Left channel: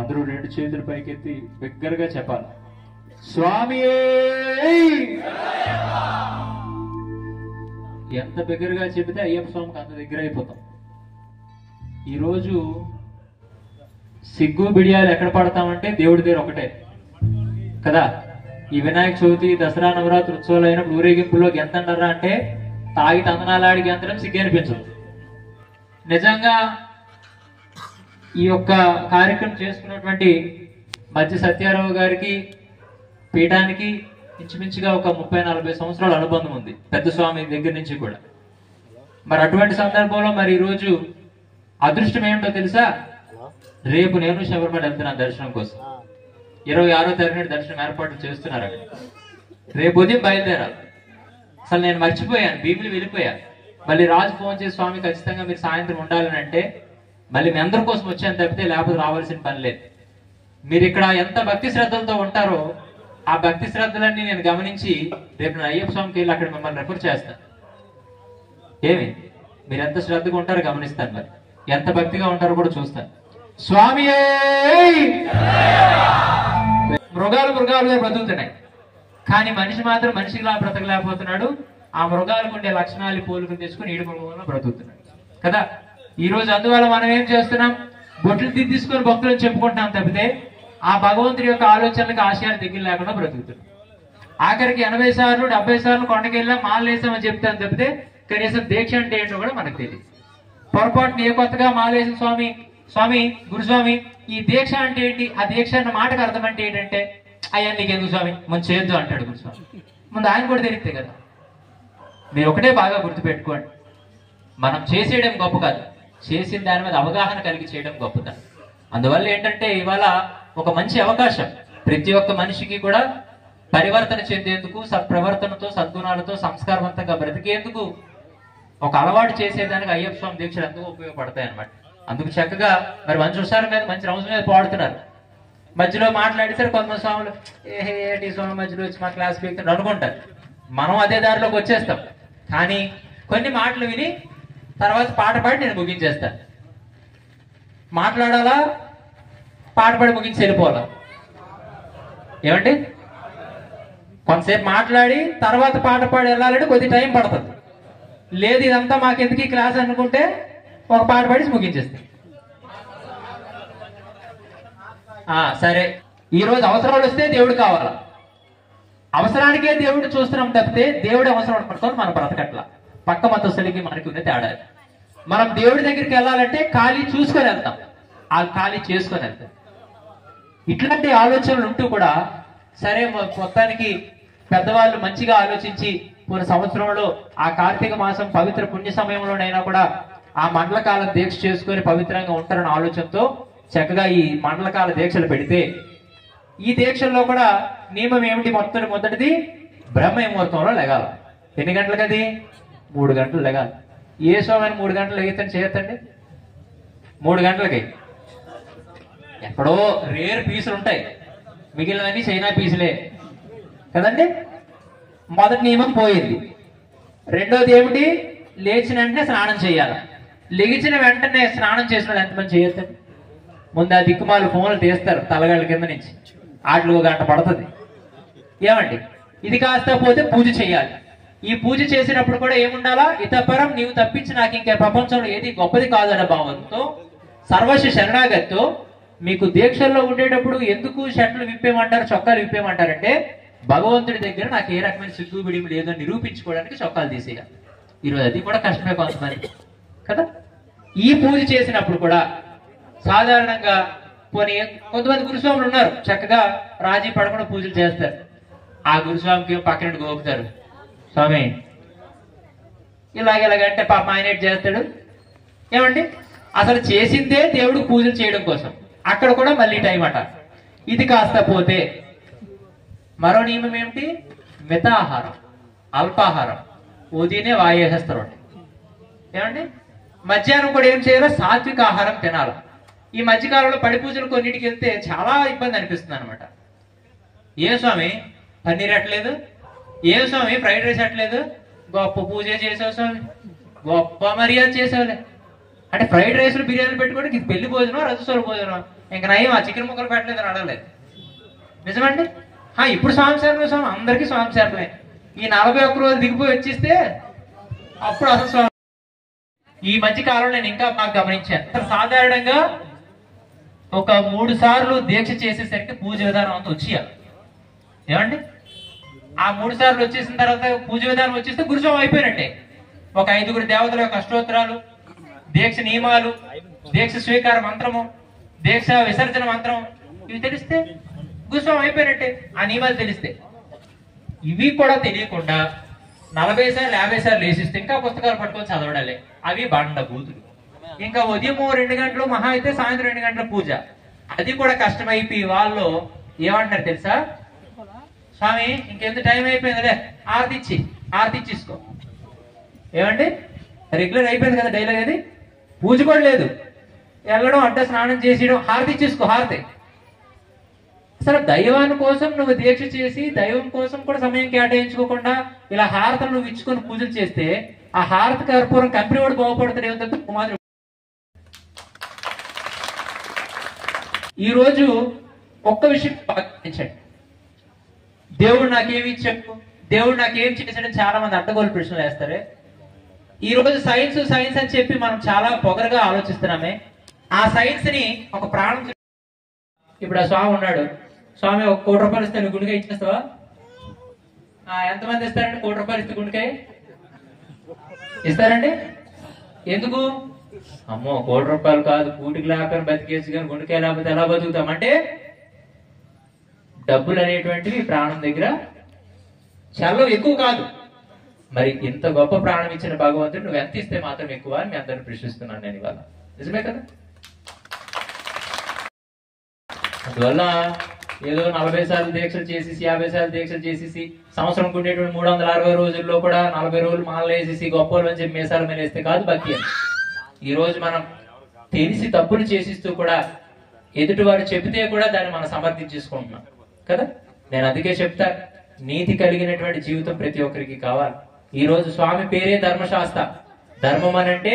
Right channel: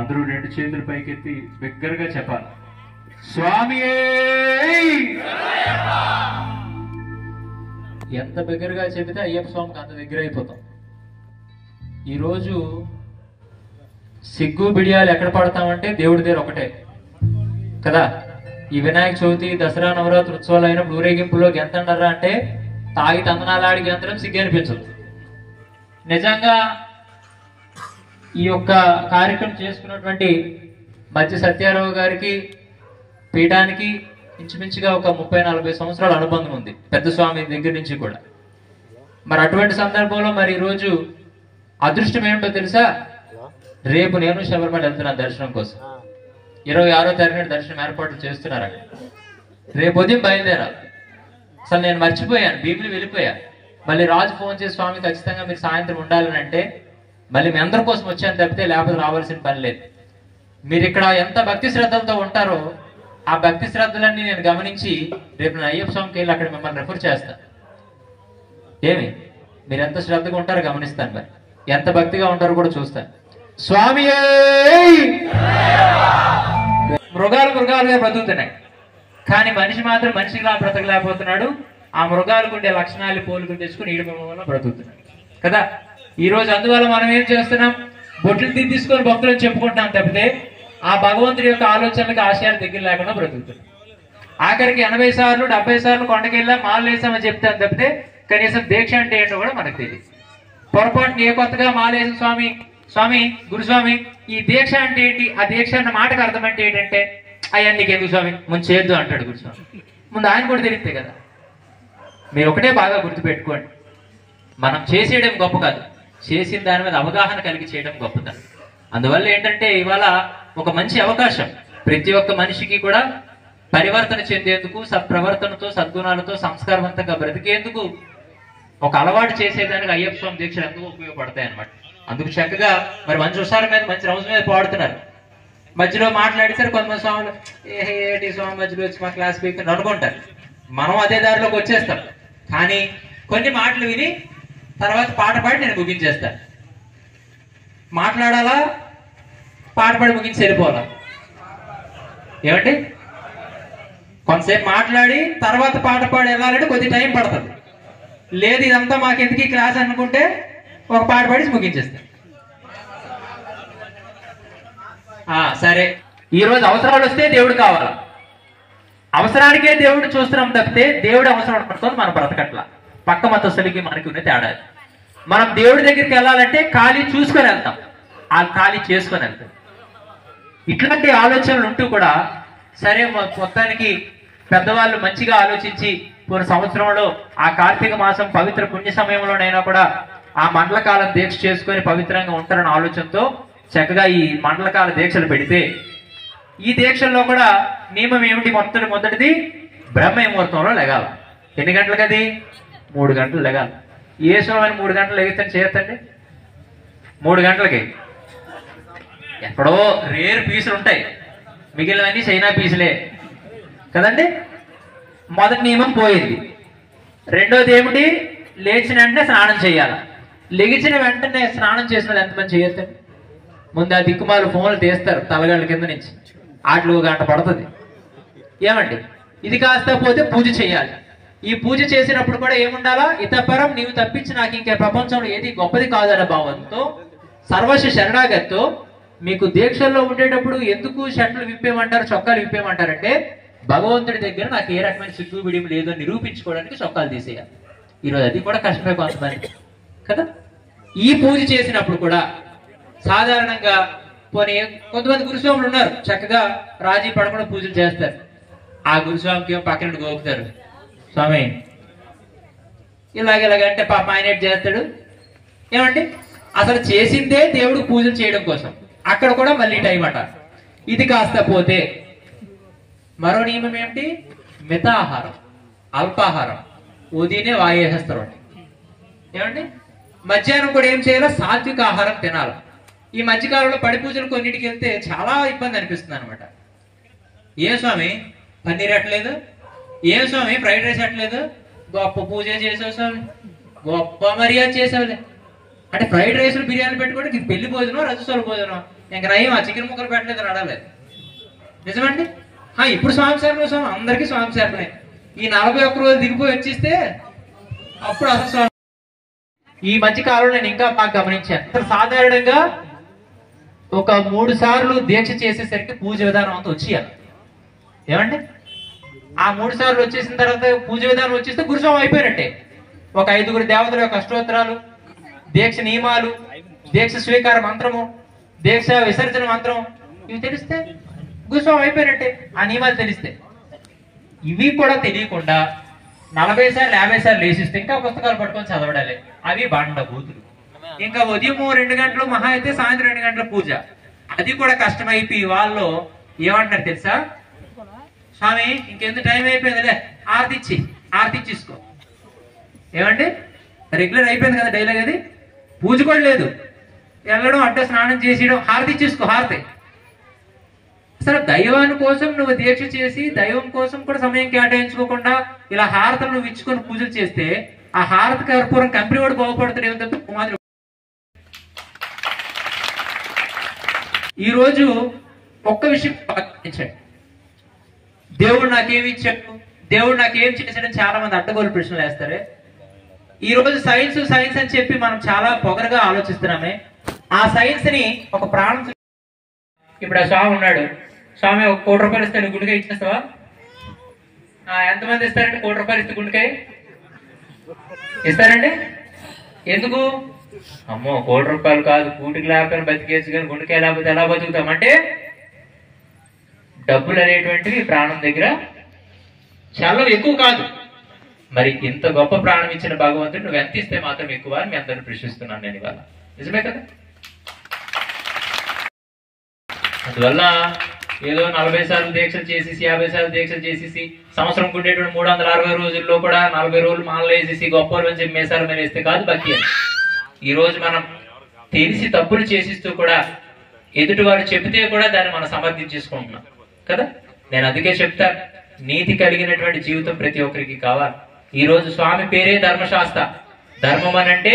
అందరూ రెండు చేతులు పైకెత్తి బిగ్గరగా చెప్పాలి, స్వామియే. ఎంత బిగ్గరగా చెబితే అయ్యప్ప స్వామికి అంత దగ్గర అయిపోతాం. ఈరోజు సిగ్గు బిడియాలు ఎక్కడ పడతామంటే దేవుడి దగ్గర ఒకటే కదా. ఈ వినాయక చవితి, దసరా, నవరాత్రి ఉత్సవాలు అయినప్పుడు ఊరేగింపులో గెంతండరా అంటే తాగి తందనాలాడి గెంతడం సిగ్గు అనిపించదు. నిజంగా ఈ యొక్క కార్యక్రమం చేసుకున్నటువంటి మధ్య సత్యారావు గారికి పీఠానికి ఇంచుమించుగా ఒక 30-40 సంవత్సరాల అనుబంధం ఉంది, పెద్ద స్వామి దగ్గర నుంచి కూడా. మరి అటువంటి సందర్భంలో మరి ఈరోజు అదృష్టం ఏమిటో తెలుసా? రేపు నేను శబరిమల వెళ్తున్నాను దర్శనం కోసం. 26వ తారీఖున దర్శనం ఏర్పాట్లు చేస్తున్నారు అక్కడ. రేపు ఉదయం బయలుదేరాలి. అసలు నేను మర్చిపోయాను, భీములు వెళ్ళిపోయాను. మళ్ళీ రాజు ఫోన్ చేసి, స్వామి ఖచ్చితంగా మీరు సాయంత్రం ఉండాలని అంటే మళ్ళీ మీ అందరి కోసం వచ్చాను తప్పితే లేకపోతే రావాల్సిన పని లేదు. మీరు ఇక్కడ ఎంత భక్తి శ్రద్ధలతో ఉంటారో ఆ భక్తి శ్రద్ధలన్నీ నేను గమనించి రేపు నేను అయ్యప్ప స్వామికి వెళ్ళి అక్కడ మిమ్మల్ని రెఫర్ చేస్తాను. ఏమి మీరు ఎంత శ్రద్ధగా ఉంటారో గమనిస్తాను, మరి ఎంత భక్తిగా ఉంటారో కూడా చూస్తాను. స్వామి మృగాలుగా బతుకుతున్నాయి, కానీ మనిషి మాత్రం మనిషిగా బ్రతకలేకపోతున్నాడు. ఆ మృగాలకు ఉండే లక్షణాలు పోలుకుని తెచ్చుకుని ఈడు వల్ల బ్రతుకుతున్నాడు కదా. ఈ రోజు అందువల్ల మనం ఏం చేస్తున్నాం? బొట్లు తీసుకొని భక్తులను చెప్పుకుంటున్నాం తప్పితే ఆ భగవంతుడి యొక్క ఆలోచనలకు, ఆశయాలు దగ్గర లేకుండా బ్రతుకుతున్నాం. ఆఖరికి 80 సార్లు 70 సార్లు కొండకెళ్ళా మాలు వేసామని చెప్తాను తప్పితే కనీసం దీక్ష అంటే ఏంటో కూడా మనకు తెలియదు. పొరపాటున ఏ కొత్తగా మాలేసిన స్వామి, స్వామి గురుస్వామి ఈ దీక్ష అంటే ఏంటి, ఆ దీక్ష అన్న మాటకు అర్థం అంటే ఏంటంటే అయ్యా నీకెందుకు స్వామి ముందు చేయొద్దు అంటాడు గురుస్వామి. ముందు ఆయన కూడా తెలిస్తే కదా. మీరు ఒకటే బాగా గుర్తుపెట్టుకోండి, మనం చేసేయడం గొప్ప కాదు, చేసిన దాని మీద అవగాహన కలిగి చేయడం గొప్పతనం. అందువల్ల ఏంటంటే ఇవాళ ఒక మంచి అవకాశం ప్రతి ఒక్క మనిషికి కూడా పరివర్తన చెందేందుకు, సత్ప్రవర్తనతో, సద్గుణాలతో, సంస్కారవంతంగా బ్రతికేందుకు ఒక అలవాటు చేసేదానికి అయ్యప్ప స్వామి దీక్షలు ఎంతో ఉపయోగపడతాయి అన్నమాట. అందుకు చక్కగా మరి మంచి హుషారు మీద, మంచి రౌజ్ మీద పాడుతున్నారు. మధ్యలో మాట్లాడేసరి కొంతమంది స్వాములు ఏటి స్వామి మధ్యలో వచ్చి మా క్లాస్ పీక్ అనుకుంటారు. మనం అదే దారిలోకి వచ్చేస్తాం. కానీ కొన్ని మాటలు విని తర్వాత పాట పాడి నేను ముగించేస్తాను. మాట్లాడాలా, పాట పాడి ముగించి వెళ్ళిపోవాలా? ఏమండి? కొంతసేపు మాట్లాడి తర్వాత పాట పాడి వెళ్ళాలంటే కొద్ది టైం పడుతుంది. లేదు ఇదంతా మాకెందుకు ఈ క్లాస్ అనుకుంటే ఒక పాట పాడి ముగించేస్తాం. సరే, ఈరోజు అవసరాలు వస్తే దేవుడు కావాలా? అవసరానికే దేవుడు చూస్తున్నాం తప్పితే దేవుడు అవసరం మనం బ్రతకట్లా. పక్క మతస్థులకి మనకి ఉన్న తేడా. మనం దేవుడి దగ్గరికి వెళ్ళాలంటే ఖాళీ చూసుకొని వెళ్తాం, ఆ ఖాళీ చేసుకొని వెళ్తాం. ఇట్లాంటి ఆలోచనలు ఉంటూ కూడా సరే మొత్తానికి పెద్దవాళ్ళు మంచిగా ఆలోచించి పోయిన సంవత్సరంలో ఆ కార్తీక మాసం పవిత్ర పుణ్య సమయంలోనైనా కూడా ఆ మండలకాలం దీక్ష చేసుకొని పవిత్రంగా ఉంటారన్న ఆలోచనతో చక్కగా ఈ మండలకాల దీక్షలు పెడితే, ఈ దీక్షల్లో కూడా నియమం ఏమిటి? మొదటిది బ్రహ్మ ముహూర్తంలో లెగాలి. ఎన్ని గంటలకు? అది 3 గంటలు లెగాలి. ఏ స్వామి 3 గంటలు లెగిస్తాను చేయొద్దండి? 3 గంటలకి ఎక్కడో రేర్ పీసులు ఉంటాయి, మిగిలినవన్నీ చైనా పీసులే కదండి. మొదటి నియమం పోయింది. రెండోది ఏమిటి? లేచిన వెంటనే స్నానం చేయాలి. లెగిచిన వెంటనే స్నానం చేసిన ఎంతమంది చేయొద్దండి? ముందు ఆ దిక్కుమాలు ఫోన్లు తీస్తారు తలగళ్ళ కింద నుంచి, ఆటలు 1 గంట పడుతుంది. ఏమండి? ఇది కాస్త పోతే పూజ చేయాలి. ఈ పూజ చేసినప్పుడు కూడా ఏముండాలా? ఇతపరం నీవు తప్పించి నాకు ఇంకా ప్రపంచంలో ఏది గొప్పది కాదన్న భావంతో, సర్వస్వ శరణాగతితో మీకు దీక్షల్లో ఉండేటప్పుడు ఎందుకు షర్ట్లు విప్పేయమంటారు, చొక్కాలు విప్పేయమంటారంటే భగవంతుడి దగ్గర నాకు ఏ రకమైన సిగ్గు బిడియం లేదో నిరూపించుకోవడానికి చొక్కాలు తీసేయాలి. ఈరోజు అది కూడా కష్టమే కొంతమంది కదా. ఈ పూజ చేసినప్పుడు కూడా సాధారణంగా కొంతమంది గురుస్వాములు ఉన్నారు చక్కగా రాజీ పడకుండా పూజలు చేస్తారు. ఆ గురుస్వామికి పక్కన గోపుతారు, స్వామి ఇలాగంటే పాప ఆయన చేస్తాడు. ఏమండి? అసలు చేసిందే దేవుడు పూజలు చేయడం కోసం, అక్కడ కూడా మళ్ళీ టైం అట. ఇది కాస్త పోతే మరో నియమం ఏమిటి? మితాహారం, అల్పాహారం, ఉదయనే వాయేసేస్తారు. ఏమండి? మధ్యాహ్నం కూడా ఏం చేయాలో? సాత్విక ఆహారం తినాలి. ఈ మధ్యకాలంలో పడి పూజలు కొన్నిటికి వెళ్తే చాలా ఇబ్బంది అనిపిస్తుంది అనమాట. ఏ స్వామి పన్నీర్ ఎట్టలేదు, ఏ స్వామి ఫ్రైడ్ రైస్ ఎట్టలేదు, గొప్ప పూజ చేసావు స్వామి, గొప్ప మర్యాద చేసావులే అంటే ఫ్రైడ్ రైస్ బిర్యానీ పెట్టుకోవడానికి ఇది పెళ్లి భోజనం, రజస్వల భోజనం. ఇంకా నయం ఆ చికెన్ ముక్కలు పెట్టలేదు నడలేదు. నిజమండి? ఇప్పుడు స్వామిసారమే స్వామి, అందరికీ స్వామిసారమే. ఈ 41 రోజులు దిగిపోయి వచ్చేస్తే అప్పుడు అసలు స్వామి. ఈ మధ్య కాలంలో నేను ఇంకా బాగా గమనించాను. సాధారణంగా ఒక 3 సార్లు దీక్ష చేసేసరికి పూజ విధానం అంతా వచ్చేయాలి. ఏమండి? ఆ 3 సార్లు వచ్చేసిన తర్వాత పూజ విధానం వచ్చేస్తే గురుస్వామి అయిపోయినట్టే. ఒక 5గురు దేవతల యొక్క అష్టోత్తరాలు, దీక్ష నియమాలు, దీక్ష స్వీకార మంత్రము, దీక్ష విసర్జన మంత్రం ఇవి తెలిస్తే గురుస్వామి అయిపోయినట్టే. ఆ నియమాలు తెలిస్తే. ఇవి కూడా తెలియకుండా 40 సార్లు 50 సార్లు లేసిస్తే ఇంకా పుస్తకాలు పట్టుకొని చదవడాలి. అవి బండ బూతులు. ఇంకా ఉదయం 2 గంటలు మహా అయితే సాయంత్రం 2 గంటల పూజ. అది కూడా కష్టమైపోయి వాళ్ళు ఏమంటారు తెలుసా? స్వామి ఇంకెంత టైం అయిపోయింది, ఆరతి ఇచ్చేసుకో. ఏమండి? రెగ్యులర్ అయిపోయింది కదా డైలాగ్. అది పూజ కూడా లేదు, వెళ్ళడం అంటే స్నానం చేసేయడం, హారతి ఇచ్చేసుకో. హారతి అసలు దైవాని కోసం నువ్వు దీక్ష చేసి దైవం కోసం కూడా సమయం కేటాయించుకోకుండా ఇలా హారతలు నువ్వు ఇచ్చుకొని పూజలు చేస్తే ఆ హారతి కర్పూరం కంపెనీ కూడా బాగుపడతాడు. ఏమంటే కుమారుడు ఈ రోజు ఒక్క విషయం పాటించాడు. దేవుడు నాకేమి ఇచ్చాడు, దేవుడు నాకేం చేశాడని చాలా మంది అడ్డగోలు ప్రశ్నలు వేస్తారు. ఈ రోజు సైన్స్ అని చెప్పి మనం చాలా పొగరగా ఆలోచిస్తున్నామే. ఆ సైన్స్ ని ఒక ప్రాణం. ఇప్పుడు ఆ స్వామి ఉన్నాడు, స్వామి 1 కోటి రూపాయలు ఇస్తే గుండెకాయ ఇచ్చేస్తావా? ఎంతమంది ఇస్తారండి 1 కోటి రూపాయలు ఇస్తే గుండెకాయ ఇస్తారండి? ఎందుకు? అమ్మో 1 కోటి రూపాయలు కాదు, కూటికి లేకపోయినా బతికేసి కానీ గుండెకాయ లేకపోతే ఎలా బతుకుతామంటే డబ్బులు అనేటువంటివి ప్రాణం దగ్గర చాలా ఎక్కువ కాదు. మరి ఇంత గొప్ప ప్రాణం ఇచ్చిన భగవంతుడు నువ్వు ఎంత ఇస్తే మాత్రం ఎక్కువ అని మీ అందరిని ప్రశ్నిస్తున్నాను నేను ఇవాళ. నిజమే కదా? అందువల్ల ఏదో 40 సార్లు దీక్షలు చేసేసి 50 సార్లు దీక్షలు చేసేసి సంవత్సరం ఉండేటువంటి 360 రోజుల్లో కూడా 40 రోజులు మాలలు వేసేసి గొప్పలు అని చెప్పి మేసాల మీద వేస్తే కాదు భక్తి అని. ఈ రోజు మనం తెలిసి తప్పులు చేసిస్తూ కూడా ఎదుటి వారు చెబితే కూడా దాన్ని మనం సమర్థించేసుకుంటున్నాం కదా. నేను అందుకే చెప్తా, నీతి కలిగినటువంటి జీవితం ప్రతి ఒక్కరికి కావాలి. ఈ రోజు స్వామి పేరే ధర్మశాస్త్ర. ధర్మం అనంటే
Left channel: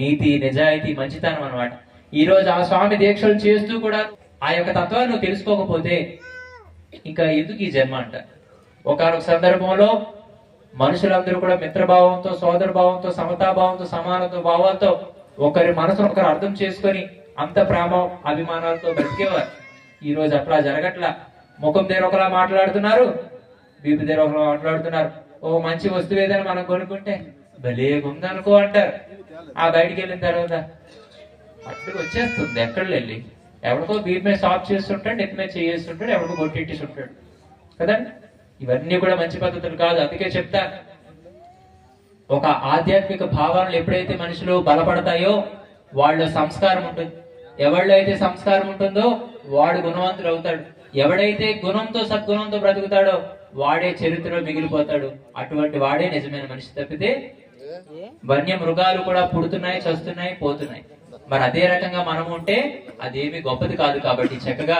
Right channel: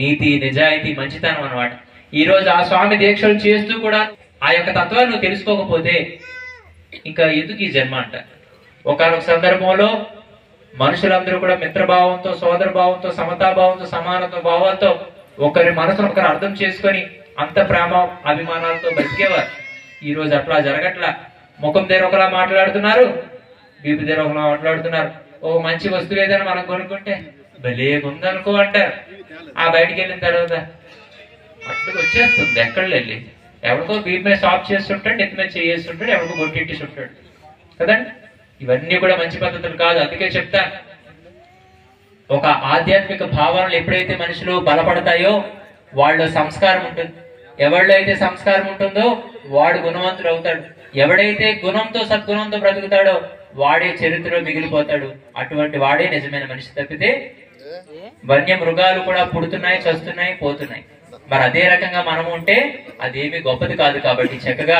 నీతి, నిజాయితీ, మంచితనం అన్నమాట. ఈ రోజు ఆ స్వామి దీక్షలు చేస్తూ కూడా ఆ యొక్క తత్వాన్ని నువ్వు తెలుసుకోకపోతే ఇంకా ఎందుకు ఈ జన్మ అంట. ఒకనొక సందర్భంలో మనుషులందరూ కూడా మిత్రభావంతో, సోదర భావంతో, సమతాభావంతో, సమానత్వ భావంతో ఒకరి మనసును ఒకరు అర్థం చేసుకొని అంత ప్రేమ అభిమానాలతో బతికేవారు. ఈ రోజు అట్లా జరగట్లా. ముఖం దగ్గర ఒకలా మాట్లాడుతున్నారు, బీపీ దగ్గర ఒకలా మాట్లాడుతున్నారు. ఓ మంచి వస్తువు ఏదైనా మనం కొనుక్కుంటే భలే ఉందనుకో అంటారు. ఆ బయటికి వెళ్ళిన తర్వాత అట్టుకు వచ్చేస్తుంది ఎక్కడ వెళ్ళి. ఎవరికో బీపీ మీద స్టాప్ చేస్తుంటాడు, నెత్తి మీద చేస్తుంటాడు, ఎవరికో బొట్టెట్టేసి ఉంటాడు కదండి. ఇవన్నీ కూడా మంచి పద్ధతులు కాదు. అందుకే చెప్తా, ఒక ఆధ్యాత్మిక భావనలు ఎప్పుడైతే మనుషులు బలపడతాయో వాళ్ళ సంస్కారం ఉంటుంది. ఎవరిలో అయితే సంస్కారం ఉంటుందో వాడు గుణవంతుడు అవుతాడు. ఎవడైతే గుణంతో సద్గుణంతో బ్రతుకుతాడో వాడే చరిత్రలో మిగిలిపోతాడు. అటువంటి వాడే నిజమైన మనిషి. తప్పితే వన్య మృగాలు కూడా పుడుతున్నాయి, చస్తున్నాయి, పోతున్నాయి. మరి అదే రకంగా మనం ఉంటే అదేమి గొప్పది కాదు. కాబట్టి చక్కగా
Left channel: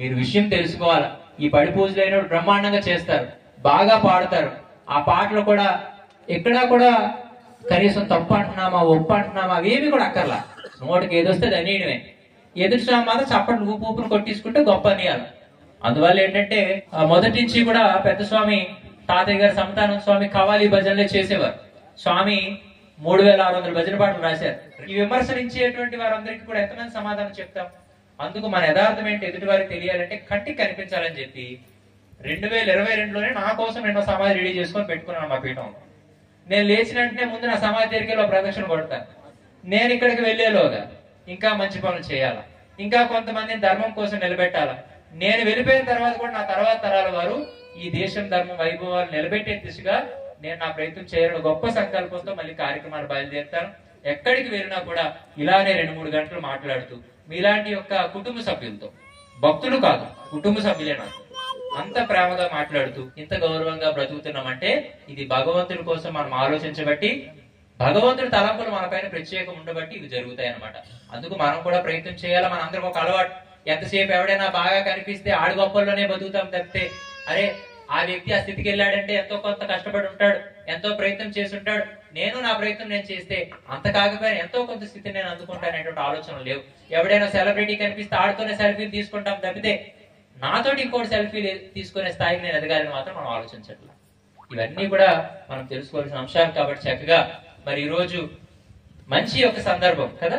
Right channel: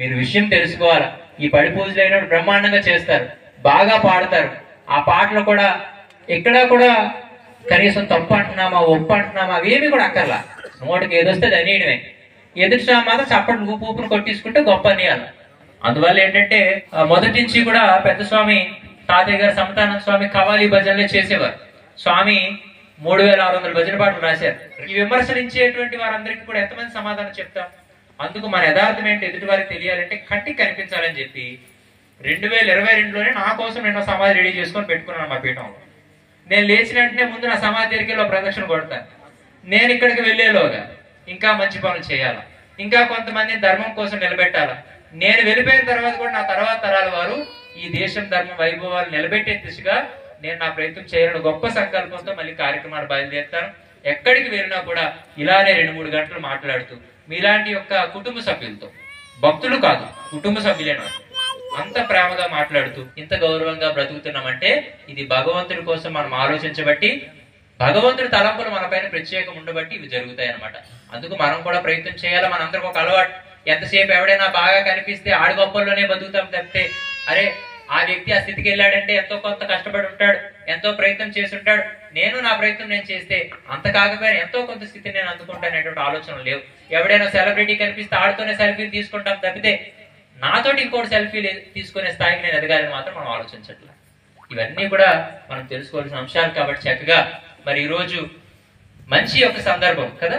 మీరు విషయం తెలుసుకోవాలి. ఈ పడి పూజలు అయినప్పుడు బ్రహ్మాండంగా చేస్తారు, బాగా పాడతారు. ఆ పాటలు కూడా ఎక్కడా కూడా కనీసం తప్పు అంటున్నామా, ఒప్పు అంటున్నామా అవేమి కూడా అక్కర్లా. నోటికి ఏదొస్తే అనేయడమే. ఎదుటి స్వామి మాత్రం చప్పట్లు ఊపును కొట్టించుకుంటే గొప్ప అనేయాలి. అందువల్ల ఏంటంటే మొదటి నుంచి కూడా పెద్ద స్వామి తాతయ్య గారు సమతానంద స్వామి కవాలి భజనలే చేసేవారు. స్వామి 3600 భజన పాటలు రాశారు. ఈ విమర్శించేటువంటి వారందరికీ కూడా ఎంతమంది సమాధానం చెప్తాం? అందుకు మన యథార్థం ఏంటి ఎదుటి వారికి తెలియాలంటే కంటికి కనిపించాలని చెప్పి 2022లోనే నా కోసం నేను సమాధి రెడీ చేసుకొని పెట్టుకున్నాను మా పీఠంలో. నేను లేచిన వెంటనే ముందు నా సమాధి దగ్గర ప్రదక్షిణ కొడతాను. నేను ఇక్కడికి వెళ్లేలోగా ఇంకా మంచి పనులు చేయాలా, ఇంకా కొంతమందిని ధర్మం కోసం నిలబెట్టాలా. నేను వెళ్ళిపోయిన తర్వాత కూడా నా తర్వాత తరాల వారు ఈ దేశం ధర్మం వైభవాలు నిలబెట్టే దిశగా నేను నా ప్రయత్నం చేయాలని గొప్ప సంకల్పంతో మళ్ళీ కార్యక్రమాలు బయలుదేరుతాను. ఎక్కడికి వెళ్ళినా కూడా ఇలానే 2-3 గంటలు మాట్లాడుతూ మీలాంటి యొక్క కుటుంబ సభ్యులతో, భక్తులు కాదు కుటుంబ సభ్యులే నాకు అంత ప్రేమగా మాట్లాడుతూ ఇంత గౌరవంగా బ్రతుకుతున్నామంటే ఇది భగవంతుడి కోసం మనం ఆలోచించబట్టి, భగవంతుడి తలంపులు మన పైన ప్రత్యేకం ఉండబట్టి ఇవి జరుగుతాయి అన్నమాట. అందుకు మనం కూడా ప్రయత్నం చేయాలి. మనందరికి ఒక అలవాటు, ఎంతసేపు ఎవడైనా బాగా కనిపిస్తే ఆడి గొప్పల్లోనే బతుకుతాం తప్పితే అరే ఆ వ్యక్తి ఆ స్థితికి వెళ్ళాడంటే ఎంతో కొంత కష్టపడి ఉంటాడు, ఎంతో ప్రయత్నం చేసి ఉంటాడు. నేను నా ప్రయత్నం నేను చేస్తే అంత కాకపోయినా ఎంతో కొంత స్థితిని నేను అందుకుంటానేటువంటి ఆలోచనలు లేవు. ఎవడైనా సెలబ్రిటీ కనిపిస్తే ఆడుతూనే సెల్ఫీలు తీసుకుంటాం తప్పితే నాతోటి ఇంకోటి సెల్ఫీలు తీసుకునే స్థాయికి నేను ఎదగాలని మాత్రం మనం ఆలోచించట్లేదు. ఇవన్నీ కూడా మనం తెలుసుకోవాల్సిన అంశాలు. కాబట్టి చక్కగా మరి ఈ రోజు మంచి ఒక సందర్భం కదా.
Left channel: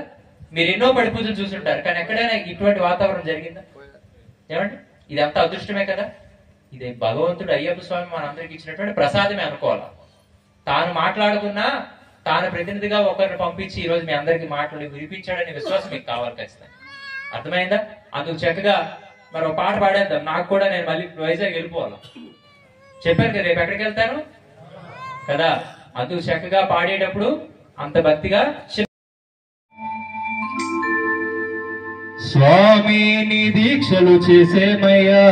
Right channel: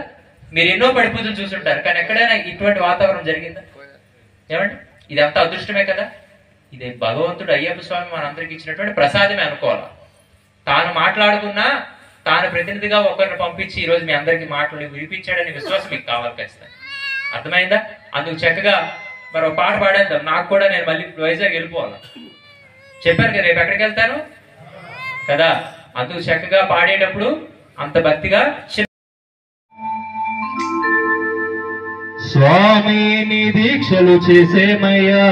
మీరు ఎన్నో పడిపూజలు చూసుంటారు, కానీ ఎక్కడైనా ఇటువంటి వాతావరణం జరిగిందా? ఏమండి, ఇదంతా అదృష్టమే కదా. ఇదే భగవంతుడు అయ్యప్ప స్వామి మనందరికి ఇచ్చినటువంటి ప్రసాదమే అనుకోవాలి. తాను మాట్లాడుకున్నా తాను ప్రతినిధిగా ఒకరిని పంపించి ఈ రోజు మీ అందరికి మాట్లాడి వినిపించాడని విశ్వాసం మీకు కావాలి ఖచ్చితంగా. అర్థమైందా? అందుకు చక్కగా మరి ఒక పాట పాడేద్దాం. నాకు కూడా నేను మళ్ళీ వైజాగ్ వెళ్ళిపోవాలి చెప్పారు కదా, రేపు ఎక్కడికి వెళ్తాను కదా. అందుకు చక్కగా పాడేటప్పుడు అంత భక్తిగా స్వామి నీ దీక్షలు చేసేమయ్యా,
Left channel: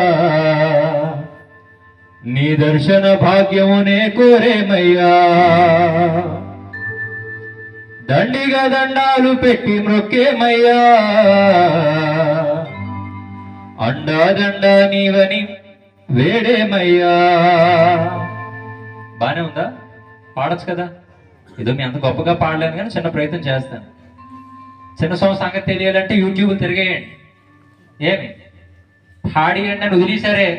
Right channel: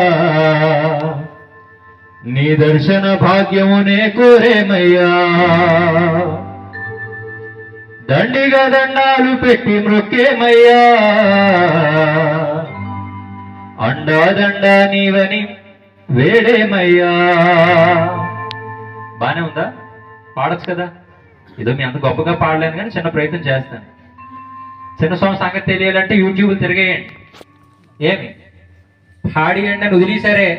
నీ దర్శన భాగ్యమునే కోరేమయ్యా, దండిగా దండాలు పెట్టి మొక్కేమయ్యా, అండాదండా నీవని వేడేమయ్యా. బానే ఉందా? పాడొచ్చు కదా. ఏదో మీ అంత గొప్పగా పాడలేను కానీ చిన్న ప్రయత్నం చేస్తాను. చిన్న సంగతి తెలియాలంటే యూట్యూబ్ తిరిగేయండి. ఏమి పాడియండి అని వదిలేసరే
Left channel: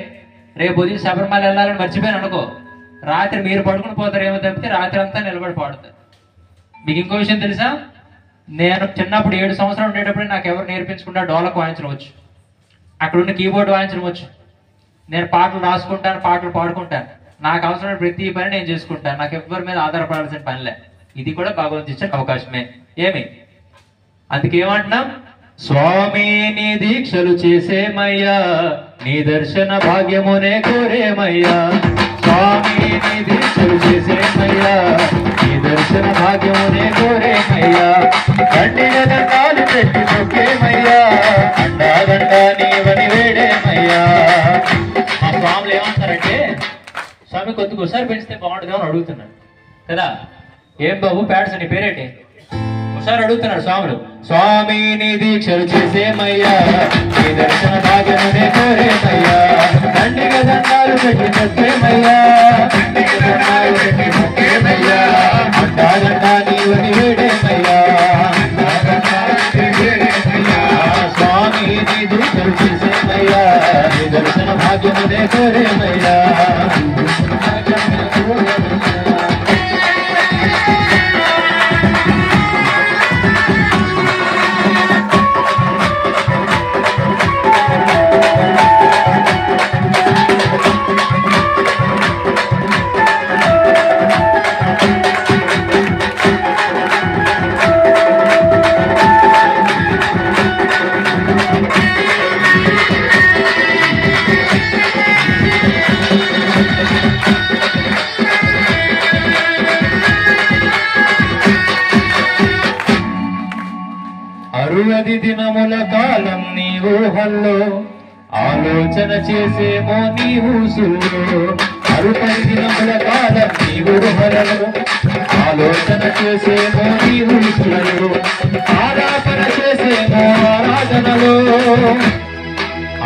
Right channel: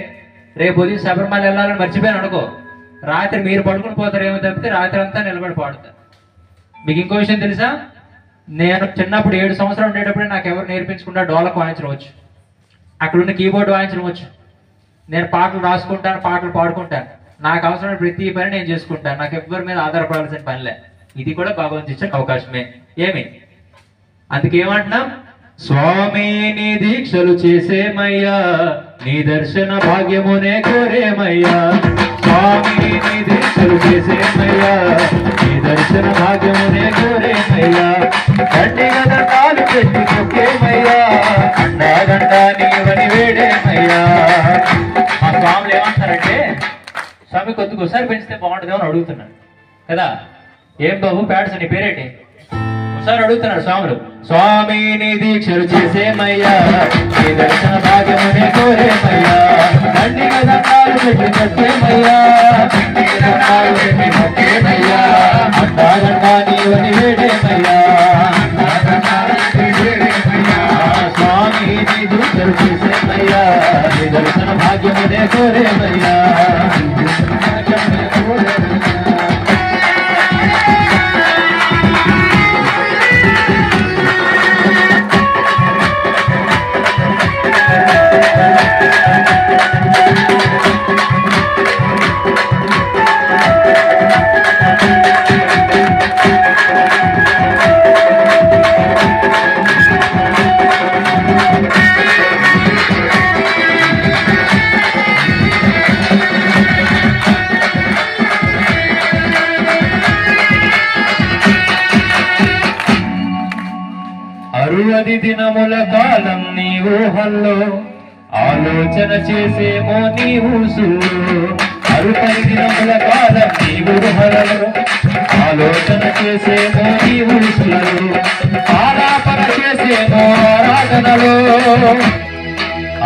రేపు వదిలి శబరిమల వెళ్ళాలని మర్చిపోయాను అనుకో, రాత్రి మీరు పడుకుని పోతారు ఏమో తప్పితే రాత్రి అంతా నిలబడి పాడుతారు. మీకు ఇంకో విషయం తెలుసా? నేను చిన్నప్పుడు 7 సంవత్సరాలు ఉండేటప్పుడు నాకు ఎవరు నేర్పించకుండా డోలకు వాయించడం వచ్చు, అక్కడున్న కీబోర్డ్ వాయించడం వచ్చు. నేను పాటలు రాసుకుంటాను, పాటలు పాడుకుంటాను. నాకు అవసరమైన ప్రతి పని నేను చేసుకుంటాను. నాకు ఎవరి మీద ఆధారపడాల్సిన పనిలే. ఇది కూడా భగవంతుడు ఇచ్చిన అవకాశమే. ఏమి అందుకేమంటున్నాం? స్వామి నీ దీక్షలు చేసేమయ్యా, నీ దర్శన భాగ్యమునే కోరేమయ్యా. స్వామి నీ దీక్షలు చేసేమయ్యా, నీ దర్శన భాగ్యమునే కోరేమయ్యా, దండిగా దండాలు పెట్టి మొక్కేమయ్యా, అండాదండా నీవని వేడేమయ్యా. ఆ స్వాములు ఏమంటారంటే, స్వామి కొద్దిగా ఒకసారి పెంచితే బాగుంటుందేమో అని అడుగుతున్నాడు కదా. ఏం బాబు ప్యాడ్స్ నీ పేరేంటి ఒకసారి అడుగుతున్నాడు స్వాములు. స్వామి నీ దీక్షలు చేసేమయ్యా, నీ దర్శన భాగ్యమునే కోరేమయ్యా, దండిగా దండాలు పెట్టి మొక్కేమయ్యా, దండిగా దండాలు పెట్టి మొక్కేమయ్యా, అండాదండా నీవని వేడేమయ్యా, స్వామి నీ దీక్షలు చేసేమయ్యా, నీ దర్శన భాగ్యమునే కోరేమయ్యా. అరువది దినముల కాలం నీ ఊహల్లో ఆలోచన చేసేమో నీ ఊసుల్లో, 60 దినముల కాలం నీ ఊహలలో ఆలోచన చేసేమో నీ ఊసులలో, ఆలాపన చేసేమో ఆరాధనలో,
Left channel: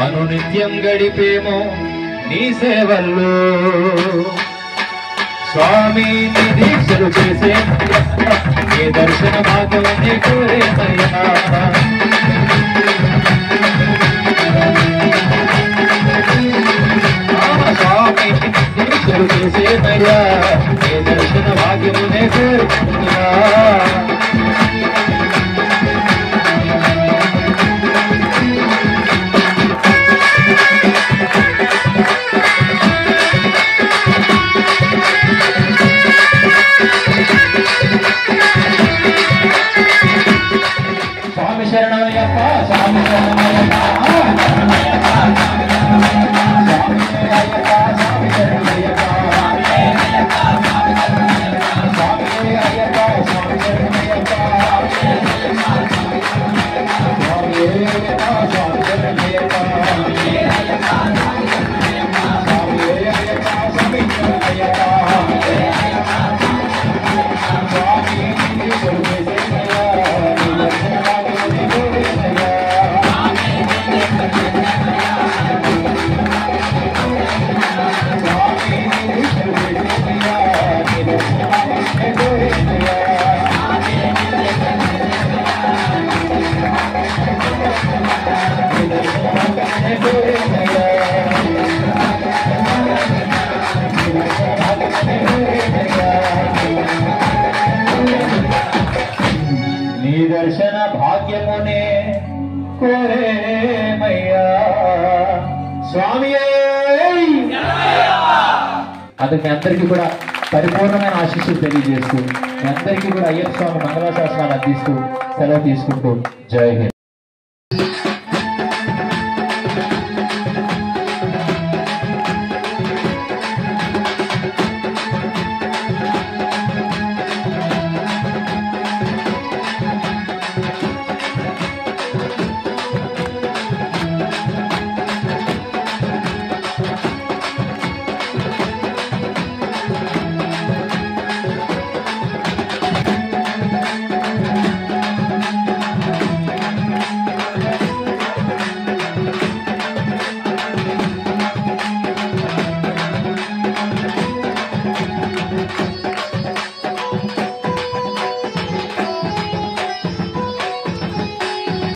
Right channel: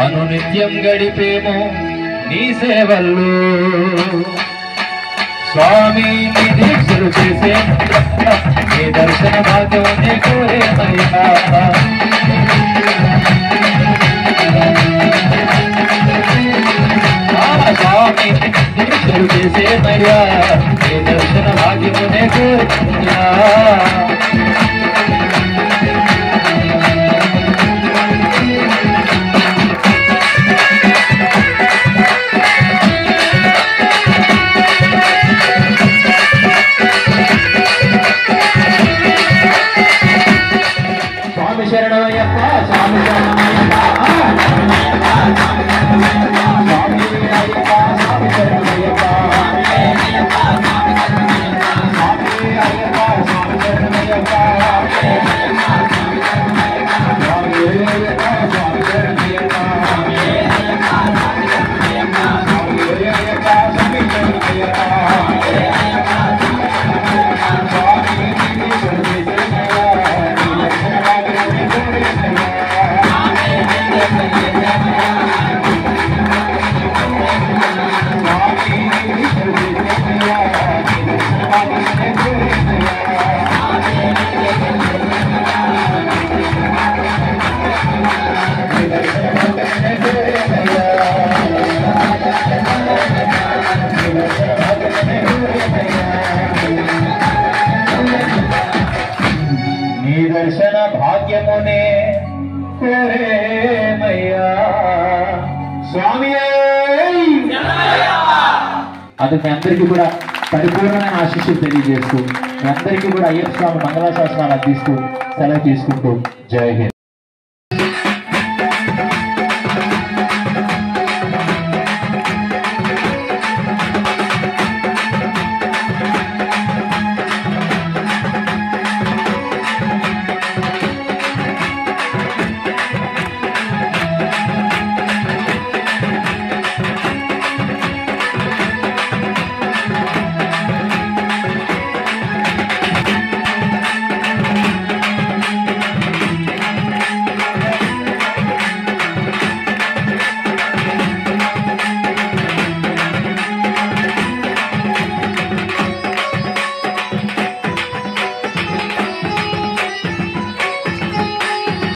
అనునిత్యం గడిపేమో నీ సేవల్లో. స్వామి నీ దీక్షలు చేసే నీ దర్శన భాగ్యమునే కోరేమయ్యా. స్వామి దీక్షలు చేసేమయ్యా, నీ దర్శన భాగ్యమునే కోరేమయ్యా. స్వామి శరణమయ్య స్వామి అది మీ అందరికీ కూడా పరిపూర్ణమైన ఆశీస్సులు తెలియజేస్తూ మీ అందరికీ కూడా అయ్యప్ప స్వామి మంగళాశాసనాలు అందిస్తూ సెలవు తీసుకుంటూ జై హింద్.